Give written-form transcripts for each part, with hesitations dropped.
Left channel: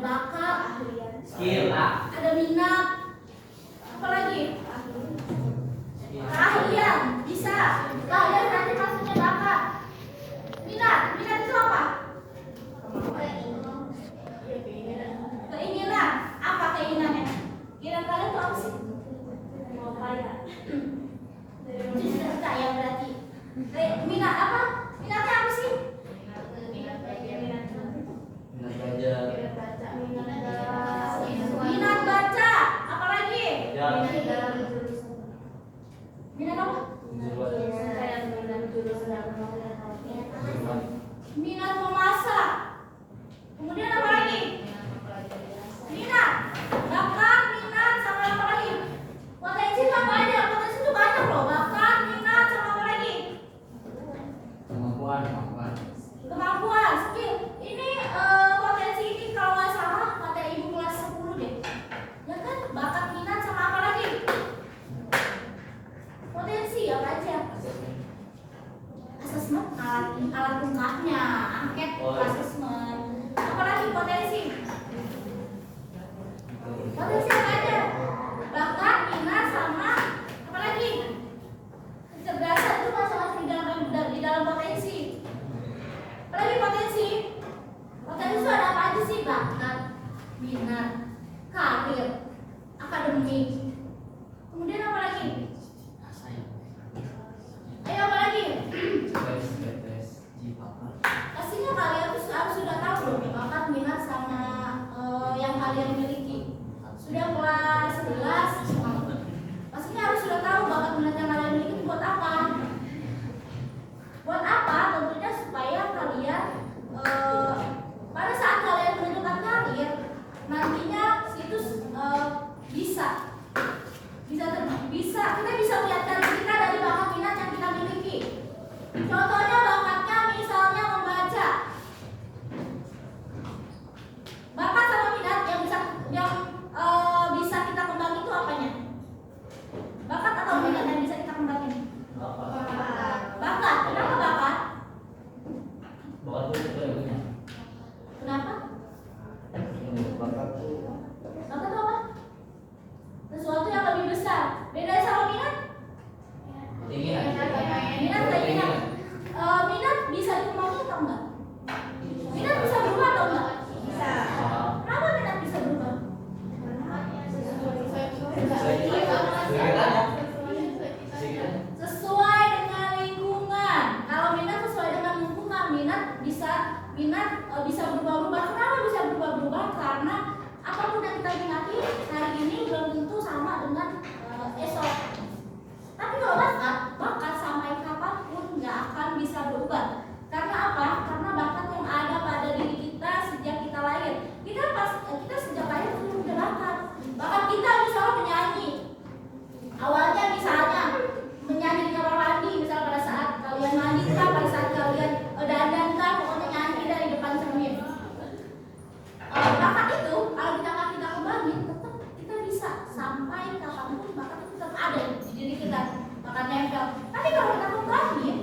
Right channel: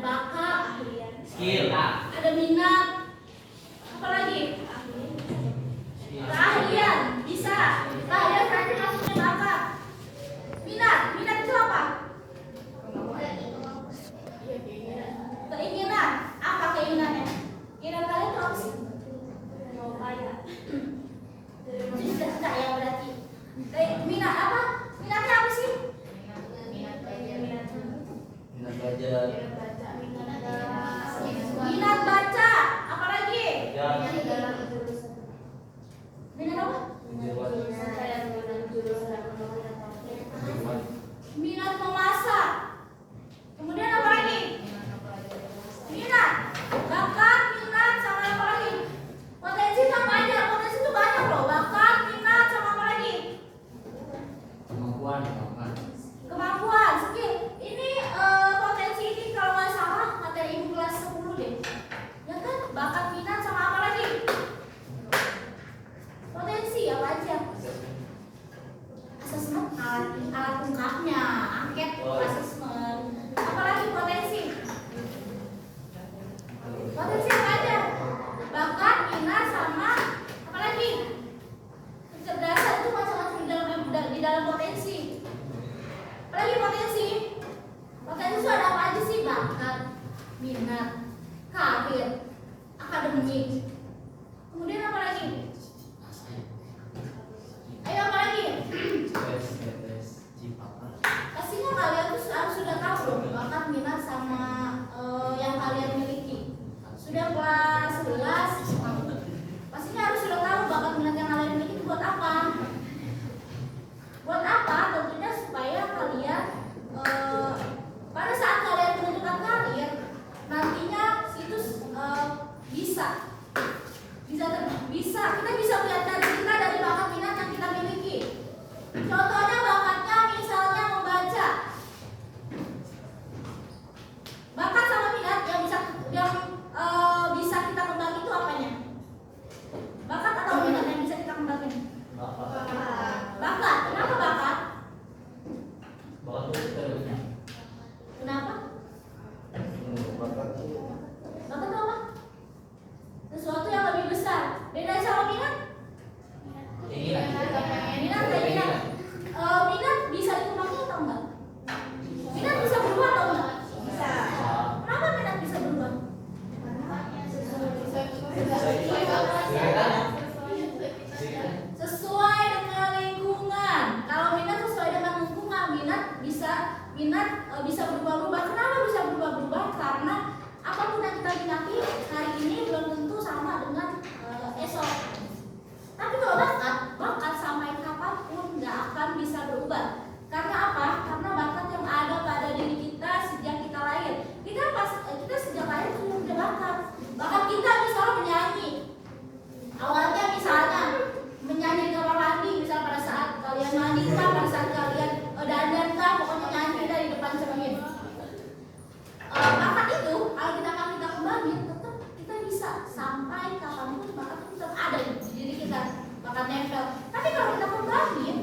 bakat, skill, ada minat, apalagi keahlian, bisa. Keahlian nanti maksudnya bakat. Minat itu apa? Keinginan. Apa keinginannya? Keinginan kalian itu apa sih? Mau kaya. Cita-cita ya berarti. Minat apa? Minatnya apa sih? minat belajar, Minat baca. Apalagi? Minat apa? Minat memasak. Kemudian apa lagi? Minat, bakat, minat, sama apa lagi? Potensi itu apa aja? Potensi itu banyak loh. Bakat, minat, sama apa lagi? Kemampuan, skill. Ini potensi ini kalau nggak salah materi ibu kelas 10 deh. Ya kan? Bakat, minat, sama apa lagi? Potensi apa aja? Asesmen, alat lengkapnya, angket, asesmen. Apalagi potensi? Potensi apa aja? Bakat, minat, sama apalagi? Kecerdasan itu masing-masing di dalam potensi. Apalagi potensi? Potensi itu ada apa aja sih? Bakat, minat, karir, akademik. Kemudian apa lagi? Ayo apa lagi? Pastinya kalian tuh harus sudah tahu dong bakat, minat, sama yang kalian miliki. Sudah kelas 11, pastinya harus sudah tahu bakat, minat yang kalian miliki itu buat apa? Buat apa? Tentunya supaya kalian pada saat kalian menentukan karir nantinya itu kita bisa melihat dari kita dari bakat minat yang kita miliki. Contohnya bakatnya misalnya membaca. Bakat sama minat yang bisa kita kembangin itu apanya? Bakat atau minat yang bisa kita kembangin? Bakat. Kenapa bakat? Kenapa? Bakat itu apa? Sesuatu yang lebih besar. Beda sama minat? Minat bisa dikembangin atau enggak? Minat bisa berubah atau enggak? Bisa. Kenapa minat bisa berubah? Sesuai dengan lingkungan. Kalau minat sesuai dengan lingkungan, minat bisa berubah-ubah. Kenapa bisa berubah-ubah? Karena apapun yang kita minati hari ini belum tentu sama dengan esok. Tapi kalau bakat sampai kapanpun nggak akan bisa berubah. Karena apa? Karena bakat yang ada pada diri kita sejak kita lahir. Kita sejak lahir sudah punya bakat. Bakat kita misalnya menyanyi. Awalnya misalnya menyanyi di kamar mandi, misal pada saat kalian mandi kan, pada saat kalian dandan kan, pokoknya nyanyi dari depan cermin. Bakat itu kalau kita kembangin, tetap kita bisa sampai kapanpun bakat itu tetap ada di diri kita, bakat nempel. Tapi kalau kita kembangin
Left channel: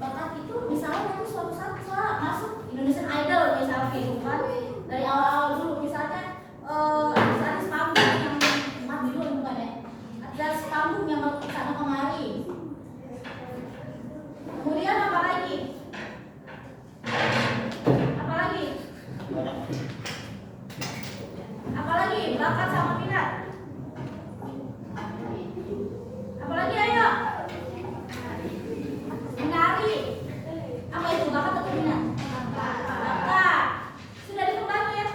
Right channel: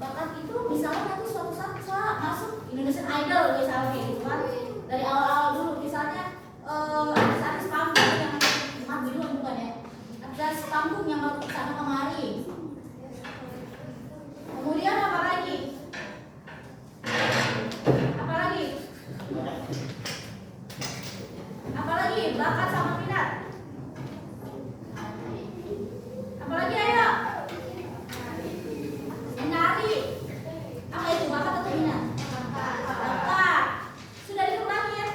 bakat itu, misalnya nanti suatu saat masuk Indonesian Idol misalnya gitu kan, dari awal-awal dulu misalnya artis panggung yang mati dulu bukan ya, artis panggung yang mau kesana kemari. Kemudian apa lagi? Apalagi bakat sama minat. Apalagi ayo. Menari. Apa itu bakat atau minat? Bakat. Sudah dikembangin?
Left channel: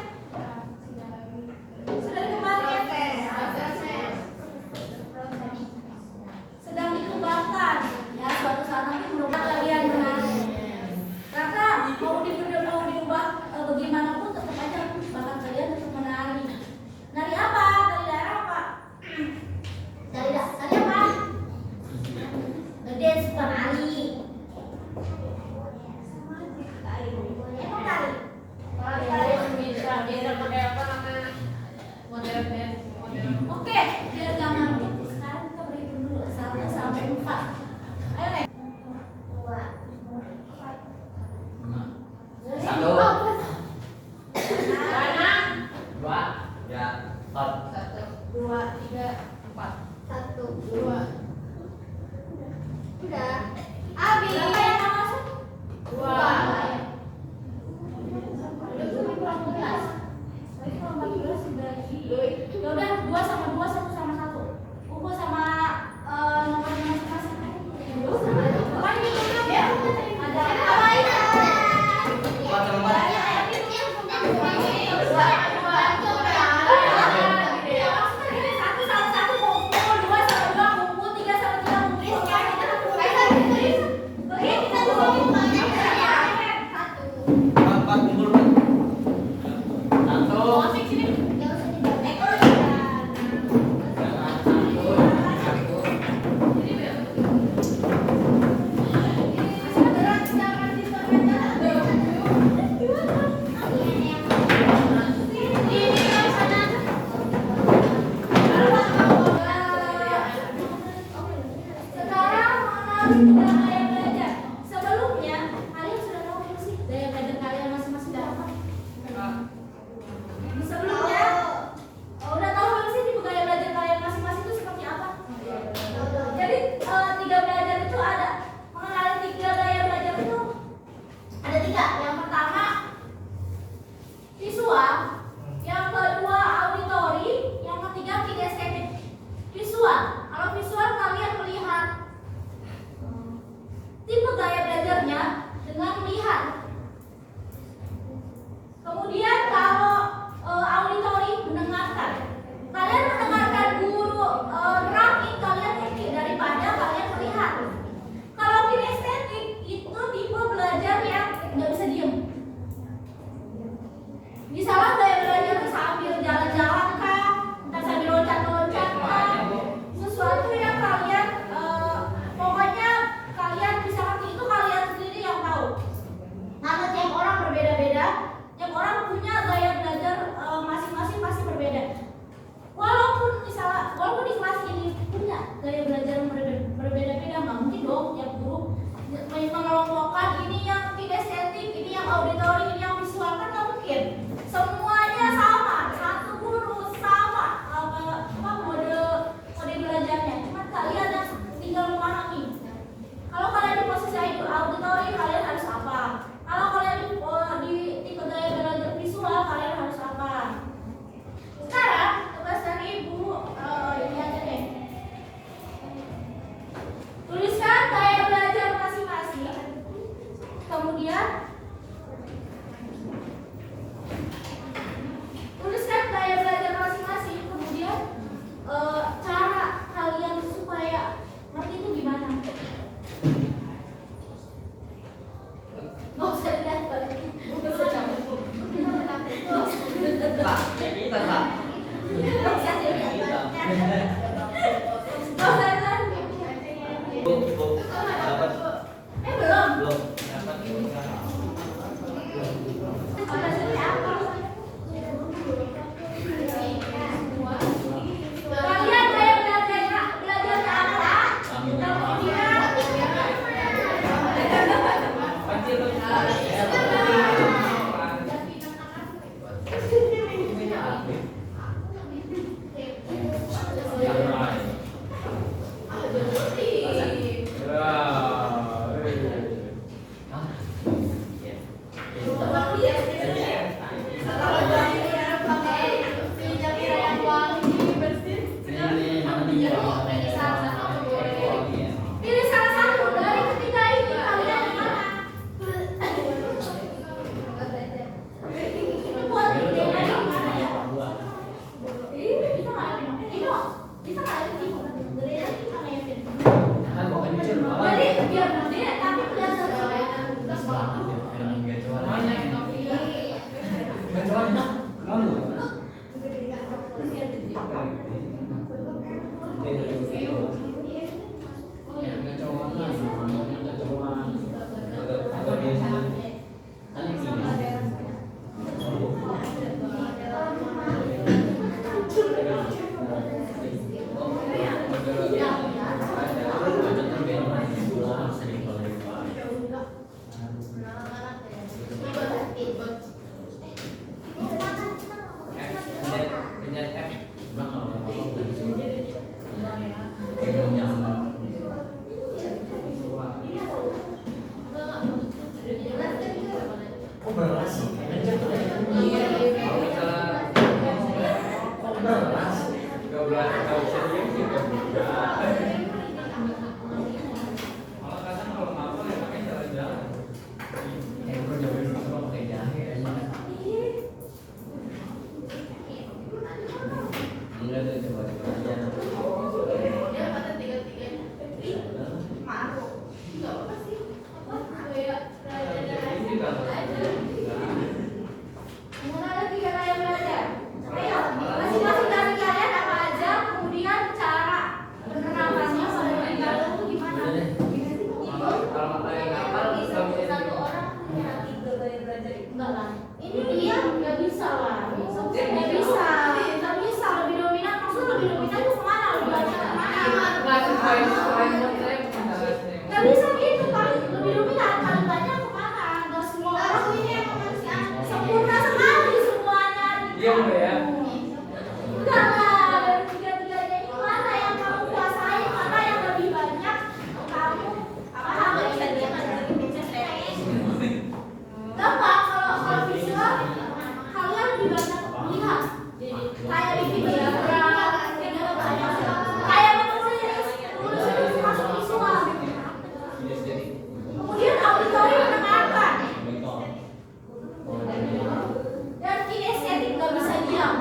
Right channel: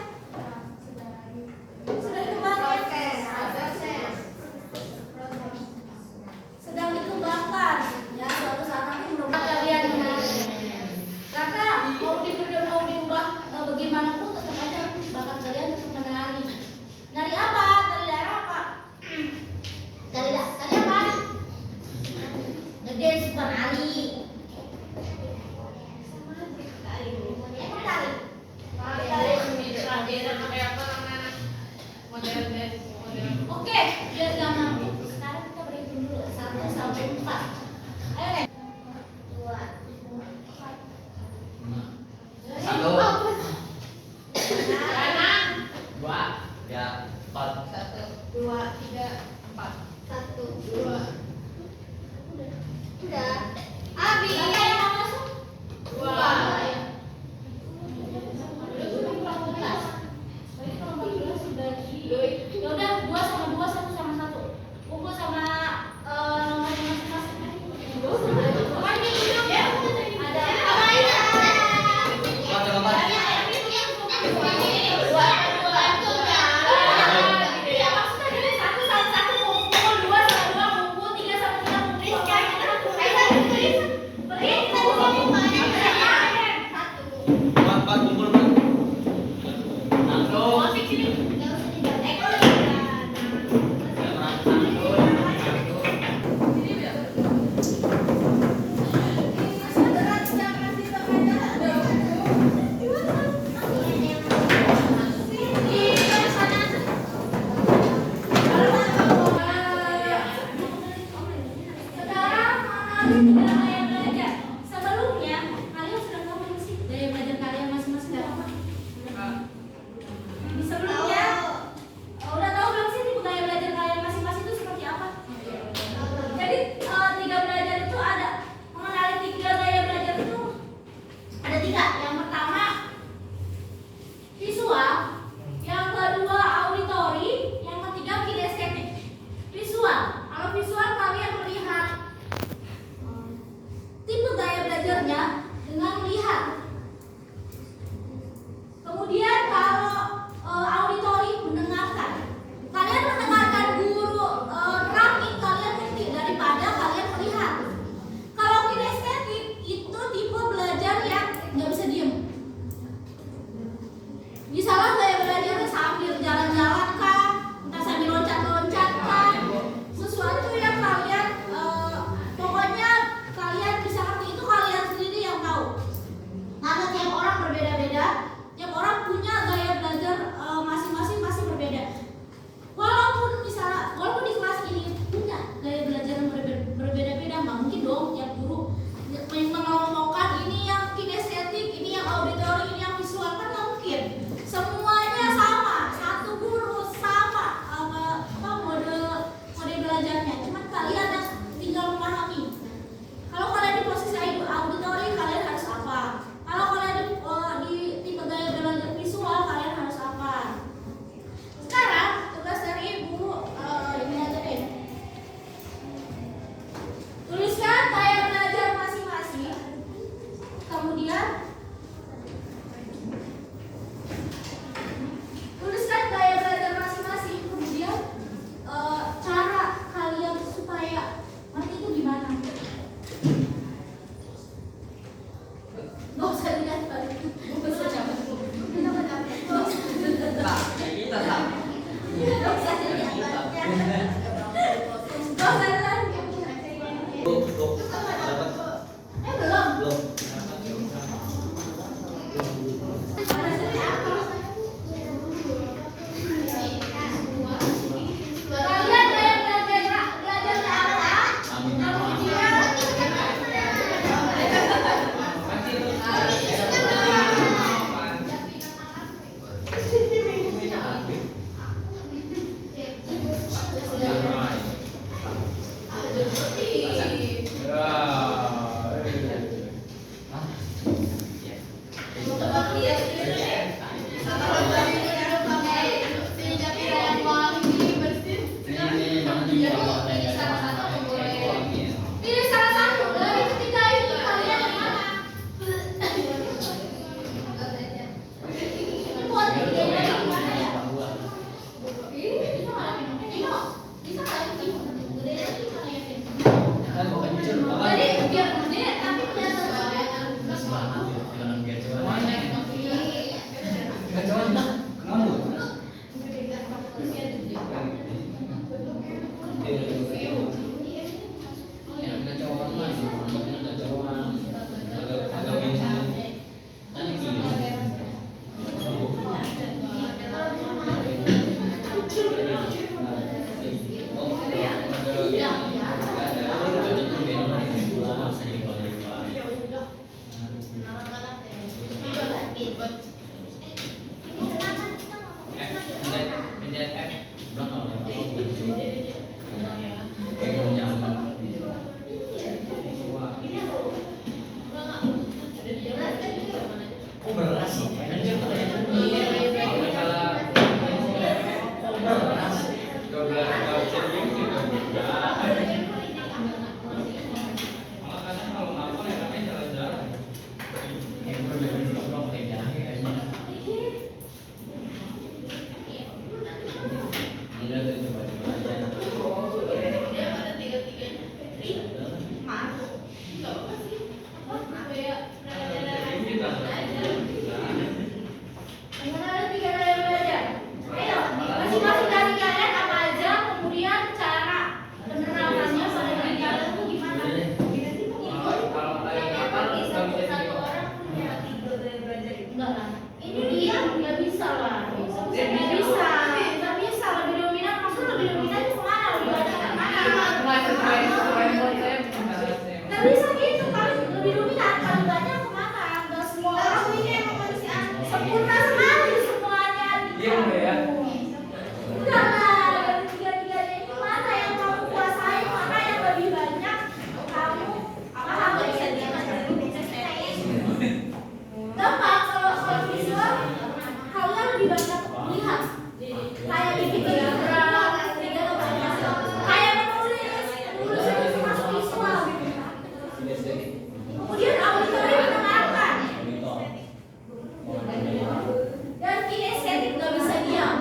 Sedang dikembangkan. Ya suatu saat nanti mudah-mudahan kalian menari. Karena mau diubah bagaimanapun tetap aja bakat kalian tetap menari. Nari apa? Nari daerah Ya, 4. 1, 2, 3, 4. 1, 2. Udah. Habis. Berapa yang mau masuk? 2. Ya udah 2 sama 2, 1 sama 1. Kumpul sama nomornya masing-masing. Pokoknya gitu ya. Ada apa ini? Iya, maksudnya dari 1 sama 1 kumpul, 2 sama 2 kumpul, 3 sama 3 kumpul. Empat kumpul kan? Satu. Sekarang mengenal gaya belajar. Sebelumnya kalian sudah tahu belum sih gaya belajar kalian masing-masing dari apa? Sebelumnya udah tahu belum sih tipe gaya belajar kalian masing-masing itu seperti apa? Jadi 3 belajar itu ada, mengenali 3 gaya belajar itu ada 3. Yang pertama visual, yang kedua auditori, yang ketiga kinestetik. Visual, kalau visual kalian melihat tipe gaya belajarnya dengan melihat. Kemudian kalau auditori, mendengarkan. Kalian mendengarkan guru nerangin, kalian ngerti daripada kalian melihat. Kalau kinestetik itu tipe belajar yang nggak bisa diem. Misalnya gaya belajarnya sambil jalan-jalan kah, entah sambil loncat-loncat kah, sesuatu yang kalian pokoknya kalian bisa ngerti, itu kalian sendiri yang tahu. Karena tiap orang berbeda-beda, tiap orang punya gaya belajar masing-masing pasti berbeda. Walaupun di kelas ini punya gaya belajar yang berbeda-beda, nggak mungkin dong tiap guru mengelompokkan ini yang kinestetik, ini yang auditori, ini yang visual, kan nggak mungkin. Semuanya sama, satu guru sama mode belajarnya. Cuma kalian yang tinggal memahami. Kalau kalian di posisi auditori, kalian harus apa? Kalau kalian di tipe gaya belajar visual, kalian harus apa? Sekarang tugas dari ibu ini aja deh. Tuliskan gaya belajar masing-masing. Kemudian tuliskan gaya belajar masing-masing. Kemudian cara kalian supaya ngerti itu gimana? Nggak usah dilihat balik. Nggak usah cabut. Tak, kita tak. Nggak usah dilihat balik. Nggak usah dilihat. Cukup. Dapat. Belum. Belum. Kalian gaya belajarnya apa? Pilih salah satu dari ketiga ini, kalian yang mana? Ini buat bedanya gimana ya? Bisa nggak ya? Bedanya gimana ya? Jadi biar gede tapi kelihatan. ada 3 gaya belajar. Ayo, masing-masing dari kalian apa aja, kemudian cara penerapannya pada diri kalian itu gimana? Kalau yang hafal bisa Satu orang punya 3 gaya belajar itu. Enggak lah. Ini dia nggak bisa lah. Nggak bisa. Nggak bisa lebih dominan. Maksudnya lebih dominan itu kemana? Lebih banyak kemana? Nggak bisa gitu. Paling lebih dominan paling banyak kemana? Nggak semua orang ini emang masih sempurna sekali semuanya. Iya enggak ya? Enggak lah. Dari tiga-tiganya ini mana yang kamu kuasai? Mana yang lebih banyak kamu pahami? Gampang kalau visual kalian lebih banyak lihat. Kayak bikin diagram, kayak menulis itu masuk visual. Kemudian auditori mendengarkan dan kinestetik nggak bisa diam,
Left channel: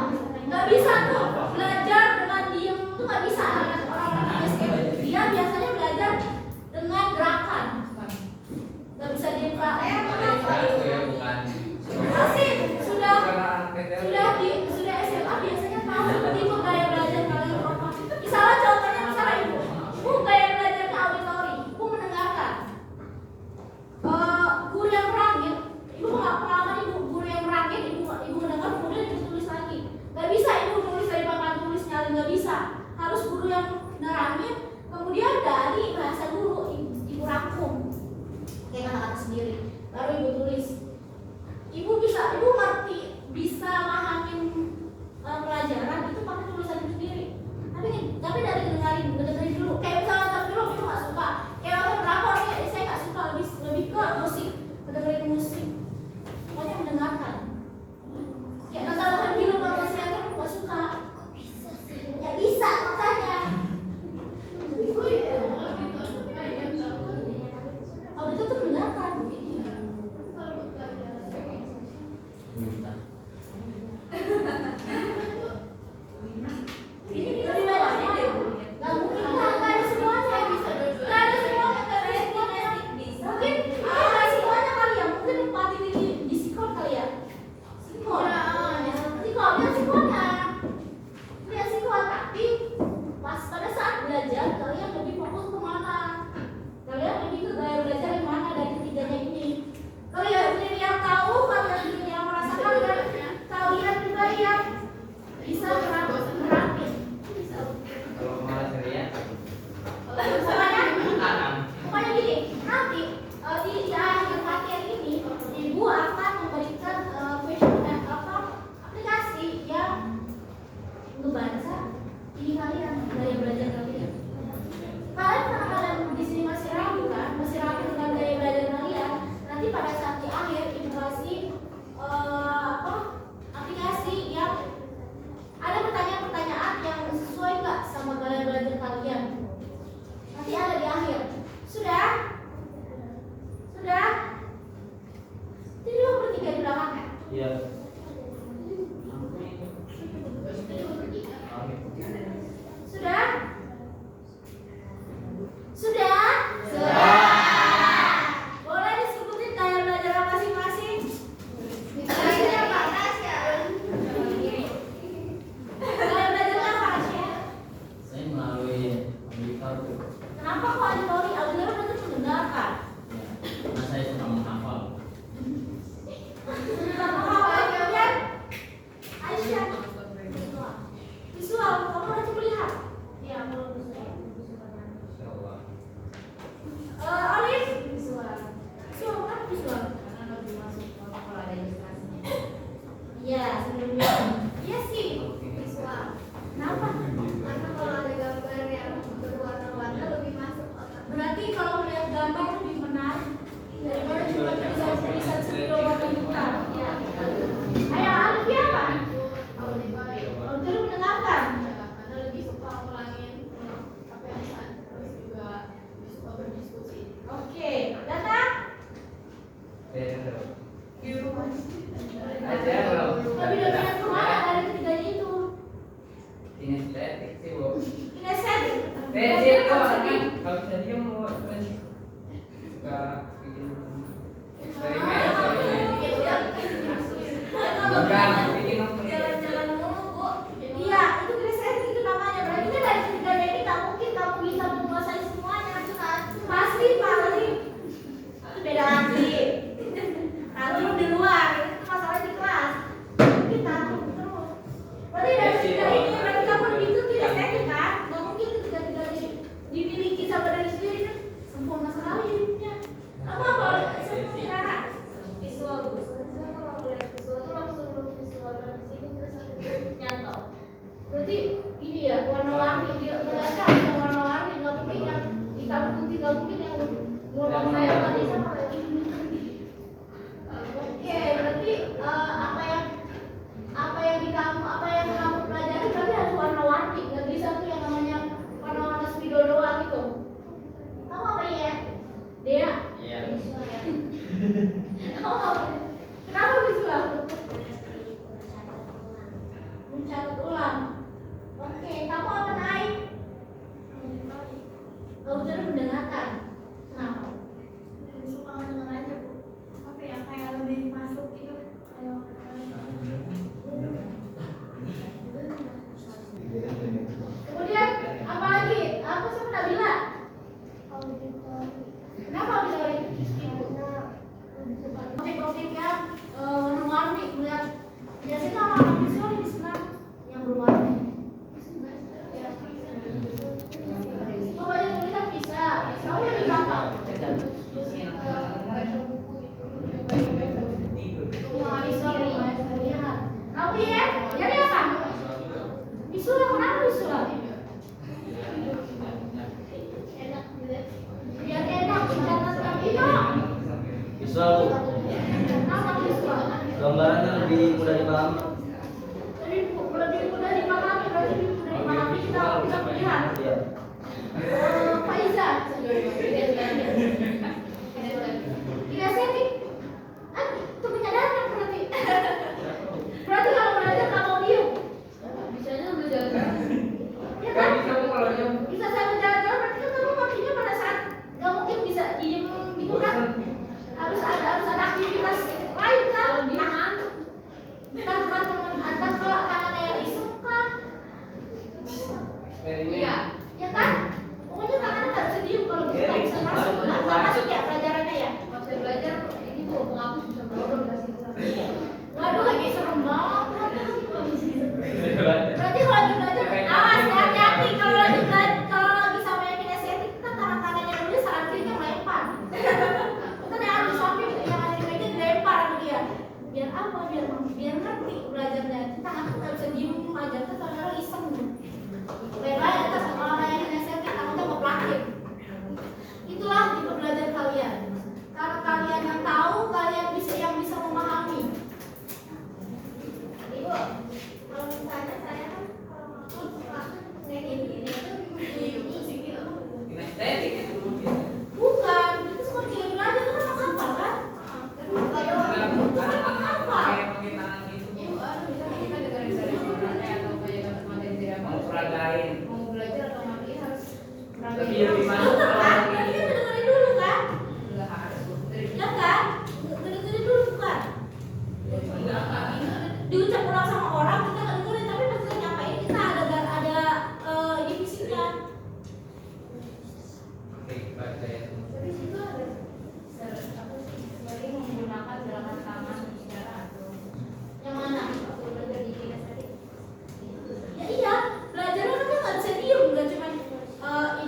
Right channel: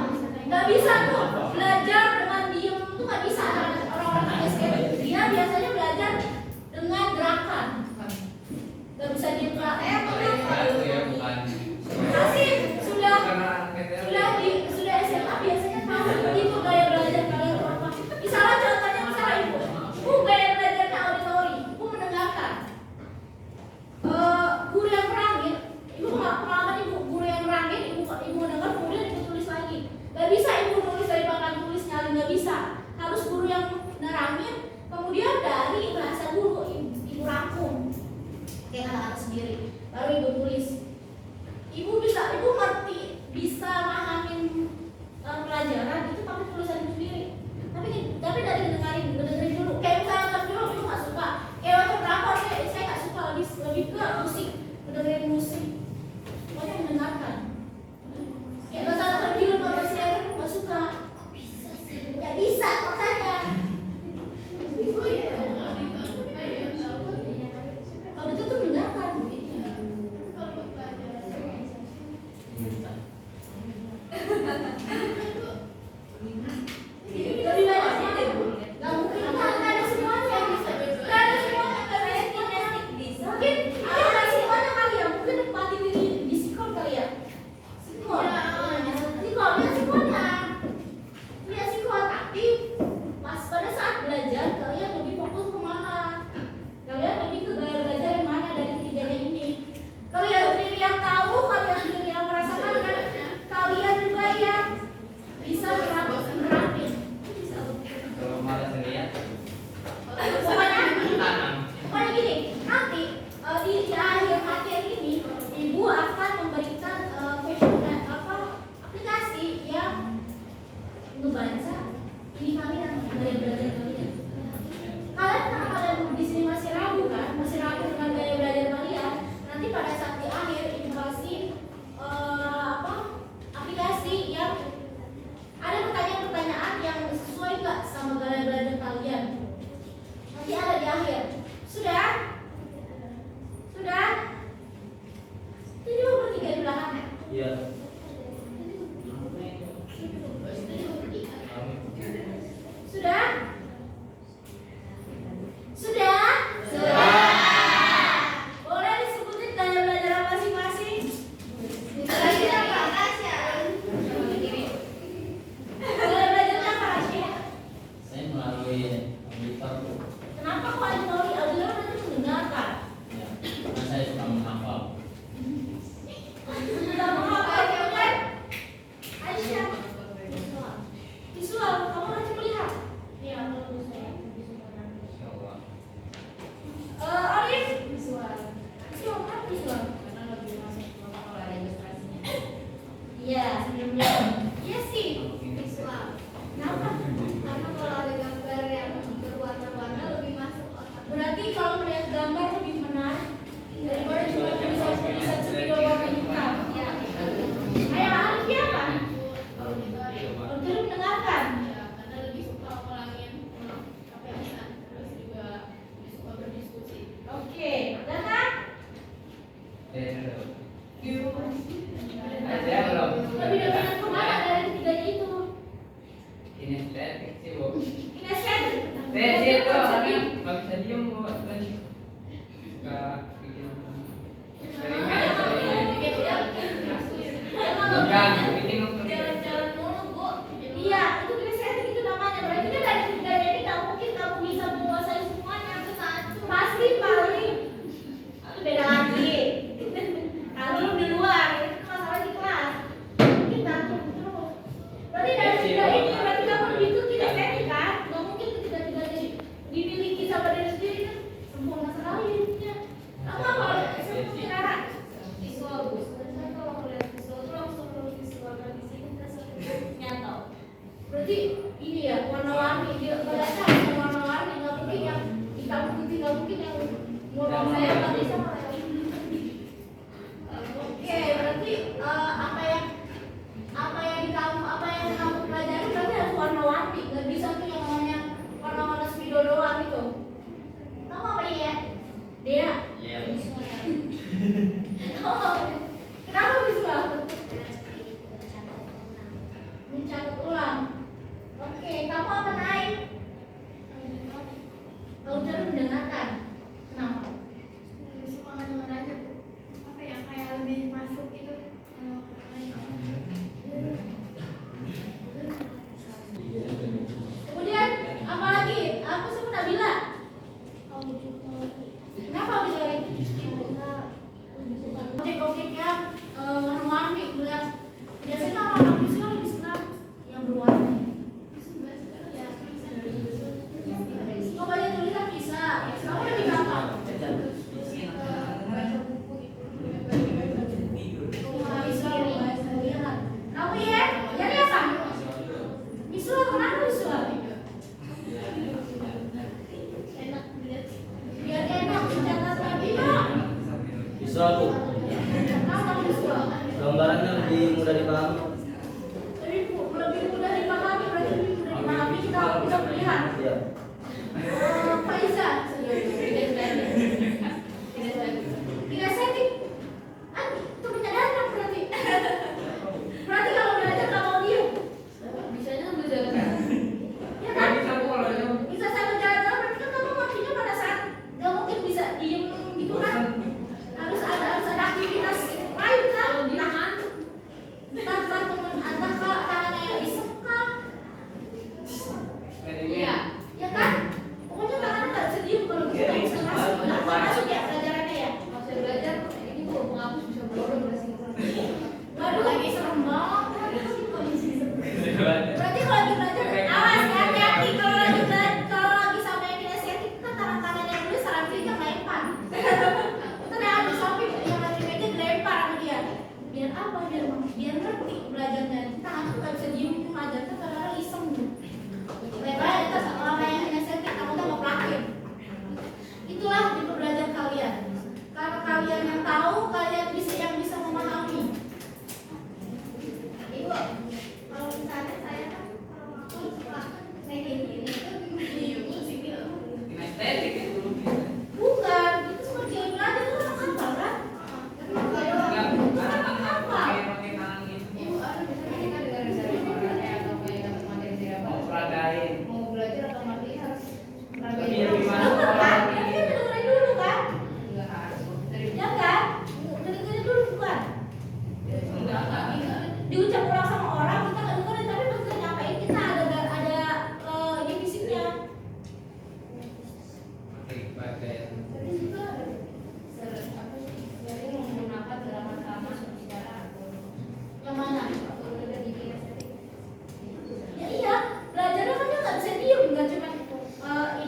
nggak bisa tuh belajar dengan diem tuh nggak bisa. Orang-orang kinestetik dia biasanya belajar dengan gerakan, nggak bisa diem kak. Asik sudah SMA biasanya tahu itu gaya belajar kalian apa. Misalnya contohnya misalnya ibu gaya belajarnya auditori, ibu mendengarkan. Guru yang nerangin, ibu pengalaman ibu guru yang nerangin, ibu mendengar kemudian ibu tulis lagi. Gak bisa ibu nulis dari papan tulis nyalin, gak bisa. Harus guru yang nerangin, kemudian dari bahasa dulu ibu rangkum, kayak kata-kata sendiri, baru ibu tulis. Ibu ngerti, bisa mahamin pelajaran itu pakai tulisan ibu sendiri. Tapi dari dengerin dulu. Kayak misalnya pas dulu ibu nggak suka. Kayak waktu berapa saya nggak suka lebih ke musik, dengerin musik. Pokoknya mendengarkan. Kayak nonton film nonton sinetron nggak suka. Nggak bisa makanya. Kalau itu tuh mendengarkan. Lebih banyaknya deh, nggak mungkin kan ada semuanya, nggak ada semuanya, nggak ada semuanya. Mungkin nggak semuanya kali ya, mungkin empati di psikol kali ya. Psikol ya psikolnya, ya psikol. Tapi pas pada saat belajar kalian lebih fokus kemana? Kalian lebih ke gaya belajar yang mana dari ketiganya ini? Kalian sendiri yang tahu, kalian sendiri yang merasakan, dan kalian juga yang bisa nerapin. Kalau malas ya. Pokoknya gini, nanti di akhir materi ini ibu akan memberikan aplikasi yang ngebaca ini kalian gaya belajar kalian. Kalian di sini masih ragu kan? Masih ragu dengan gaya belajar kalian. Nanti pada saat di akhir ibu kasih aplikasi yang ada pertanyaan-pertanyaan yang sesuai nggak sama gaya belajar kalian. Nanti ada di akhir. Sudah? Jadi lo bertiga di belakang. Iya. Sudah? Sudah? Boleh disebutin gaya belajar apa masing-masing? Gaya belajar apa? Saya melalui auditor tuh. Kenapa kok auditori? Auditori berarti mendengarkan. Ya, karena saya suka menghafal. Sudah menghafal kemudian Aisyah. Visual, kamu nanti melihat. Iya, aku visual. Insyaallah. Alif visual. Siapa visual? Karena lebih masuk kalau ada ilustrasinya. Iya, sebelumnya. Iya sih. Visual. Kenapa? Karena kalau ada gambar yang berwarna-warna lebih masuk otak. Berarti kalau melihat gambar lebih menarik daripada cuma tulisan sepiro warna hitam. Ya, Ayah Alif dia apa? auditori. Auditori mendengarkan. Ya, karena lebih suka ngulangin apa yang bisa, terus juga lebih suka berdiskusi. Oke, Data? Saya belum. Lebih dominan kemana dari ketiganya itu? Kinestetik sih, Bu. Kinestetik. Kinestetik itu kalau bisa diem, Bu. bisa pilihan. Faiza, kinestetik. Itu penyadaran berarti. Berarti kalau belajar nggak mau diem. Bisanya belajar. Ya kan? Bisa sambil jalan-jalan, berarti kan kamu waktunya pada saat nggak mungkin bisa diem gitu kan? Harus ada aktivitas lain kan? Tanpa teman atau kalau tangannya yang iseng kan? Iya. Ya kan? Pokoknya tangannya nggak bisa diem kalau kita bisa masuk. Nggak masuk ya pelajarannya ya? Pas saya belajar ini kok menghapus bisa bodoh nggak sih? Waduh, lagi serem banget. Berarti kalau lagi belajar, awas hati-hati kalau lagi belajar, kalau lagi sama yang kinestetik, kita tangan-tangannya dulu saran kirinya melempar. Kita kayak harus shopping yang lagi meja dilempar sama dia. Biar apa? Biar ngerti belajarnya. Tangan tuh nggak bisa diem belajar tuh kadang-kadang iseng. Baik-baik atas sama yang kinestetik, takutnya mau pelakir. Itulah tipe belajar kalian. Kalau kalian yang tahu, kalian yang bisa memahami. Ibu, kalau misalnya saya kan waktu suka ini itu musik itu Kinestetik itu. bukan, itu seperti yang belajar itu kan apa kan? Pakai tangan gitu. ibu misalnya kita dengerin dari orang atau punya dapat materi dari apa Mau peragain. mau belajar atau materi harus Tapi belajar lebih masuk Kan? kalau Kan lagi. kita dengerin dulu kan? nggak harus dari Ya kan? Dengerin dulu bukan? Enggak. Diucap ulang sama orang kita nggak dengerin, tapi pas kita nyampein kita ada ini fisiknya. Oke, pakai. tapi itu ada apa sih belajar menggunakan gerakan tangan secara atau Yang mana? waktu belajar di kinestetik Ya iya, belajarnya kan dia nggak bisa diem, nggak cuma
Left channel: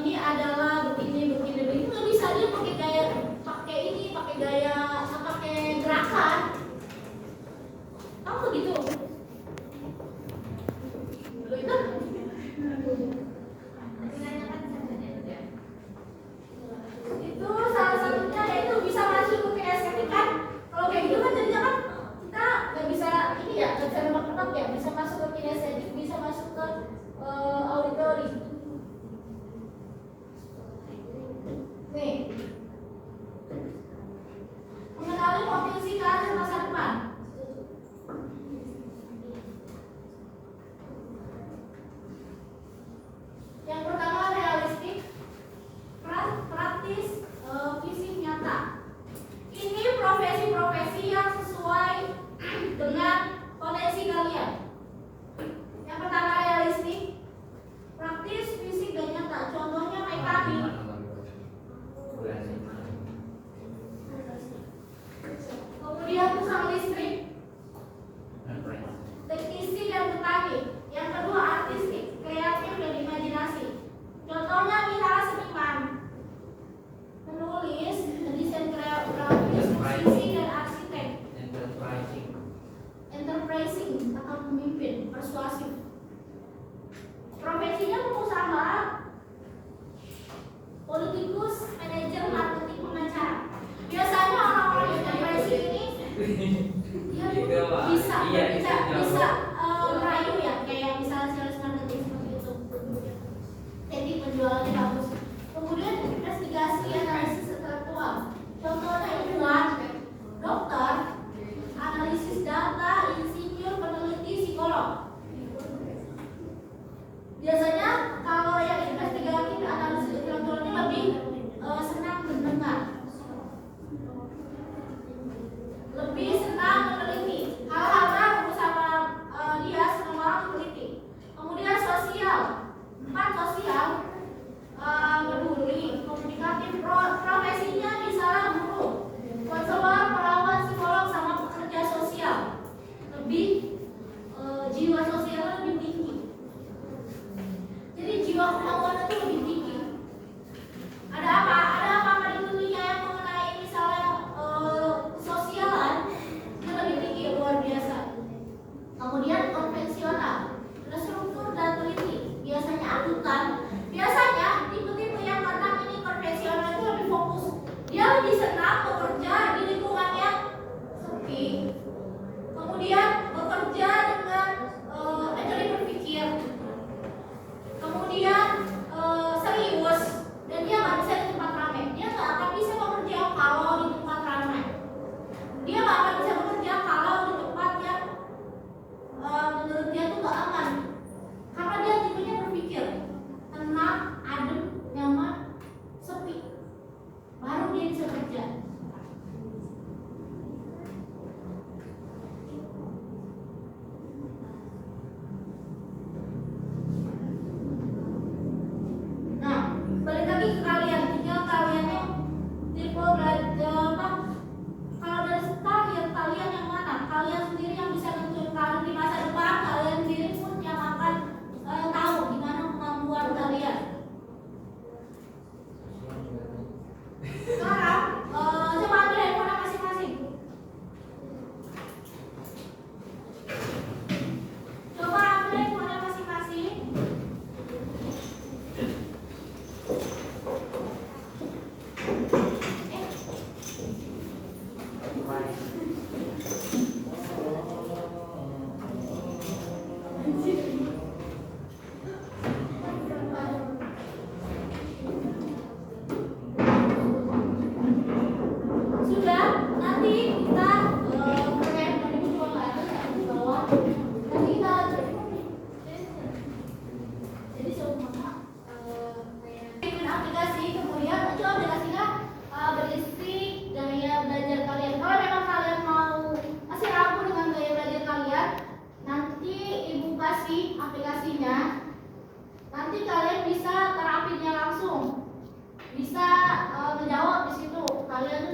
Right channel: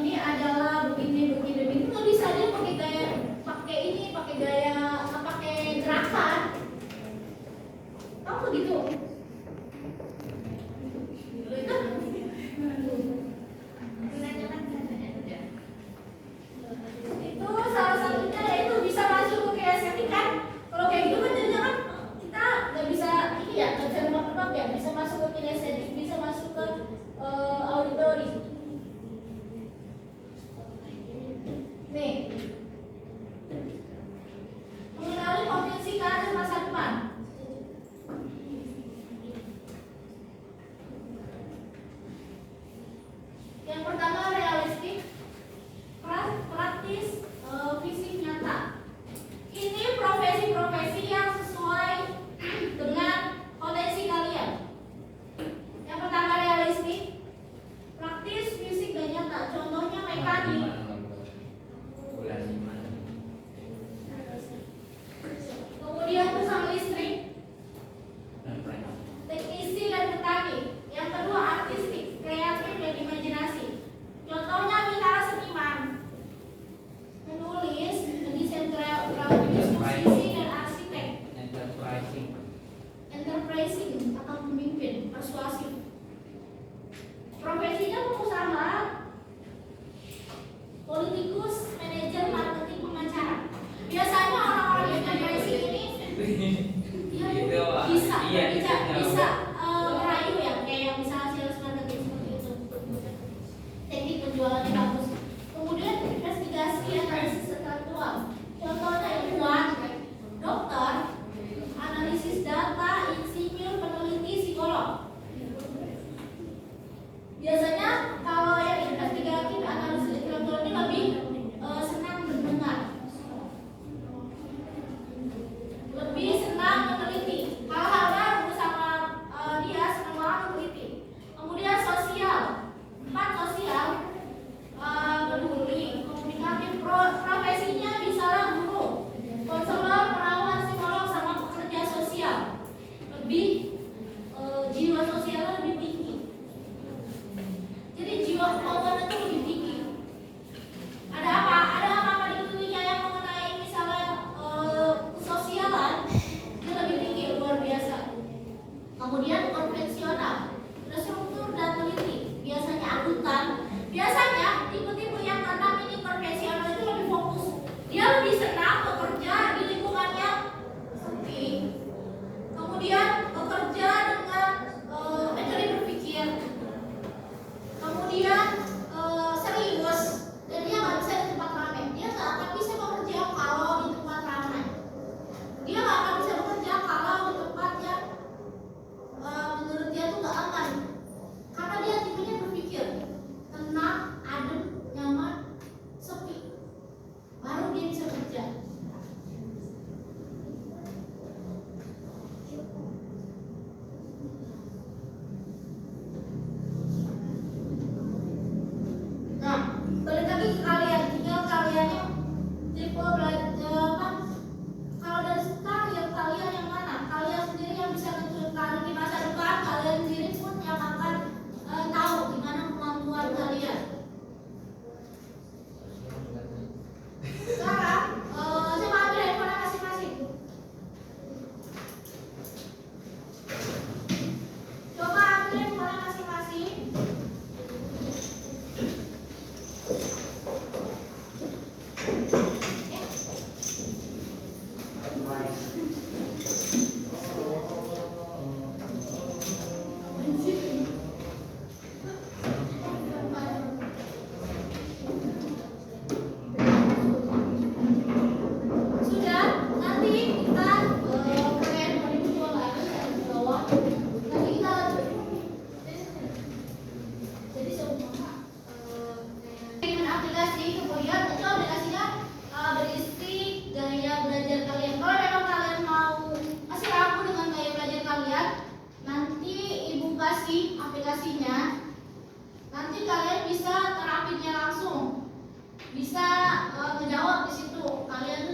ini adalah begini nggak bisa dia pakai gaya, pakai gaya, pakai gerakan. Kamu gitu? Itu itu salah satunya yaitu bisa masuk ke kinestetik kan? Kalau kayak gitu kan jadinya kan kita nggak bisa ini ya, nggak bisa nebak-nebak ya, bisa masuk ke kinestetik, bisa masuk ke auditori. Nih, mengenali potensi karakter masa depan. Yang pertama realistik, praktis, visi nyata. Ini profesi-profesi yang sesuai dengan potensi kalian. Yang pertama realistik, praktis, fisik dan nyata. Contohnya mekanik. Bulan 5. Kemudian tukang listrik, teknisi dan petani. Yang kedua artistik, kreatif dan imajinasi. Contohnya misalnya seniman, menulis, mendesain grafis, musisi dan arsitek. Enterprising atau pemimpin, persuasif. Profesinya pengusaha, politikus, manajer, marketing, pengacara. Biasanya orang-orang yang enterprising ini dia bisa merayu ya, kayak misalnya sales marketing seperti itu. Teknik penjualannya bagus. Kemudian investigasi analisis intelektual. Contohnya ilmuwan, dokter, analisis data, insinyur, peneliti, psikolog. Biasanya kalau yang investigasi analisis intelektual ini lebih senang mendengar, lebih senang meneliti hal-hal baru sama dia senang banget meneliti. Kemudian sosial, 4 sosial, peduli, komunikatif, profesinya misalnya guru, konselor, perawat, psikolog sama pekerja sosial. Lebih jiwa sosialnya lebih tinggi. Jadi jiwa kemauan itu lebih tinggi. Ada apa ditulisnya yang mengenai misalnya sosialan itu lebih tinggi, luar biasa. Kemudian konvensional, terstruktur dan teliti. Biasanya akuntan. Biasanya tipe-tipe yang karena ini konvensional itu lebih fokus. Dia lebih senang bekerja di lingkungan yang sepi. Kemudian bekerja dengan metode berpikir. Kemudian balik lagi ke kalian, tinggal kalian tipe belajar apa? Kalau dari kalian yang mana? Kalian sendiri yang bisa nentuin kalian di masa depan, kalian sendiri pun yang akan tahu gimana kemampuan kalian. Sekarang coba ambil handphone masing-masing. Coba ambil handphone masing-masing. Sudah, nanti kita kalian tadi berdua nggak ada saya di bawah. Nanti kita jadi semua bikin aplikasi, kemudian itu aplikasinya berisi gaya belajar kalian. Kalau memang kalian mau masih ragu dengan gaya belajar kalian, nanti ibu kasih aplikasinya. Nanti kalian bisa terapinya langsung, bisa menjawab di situ. Kalian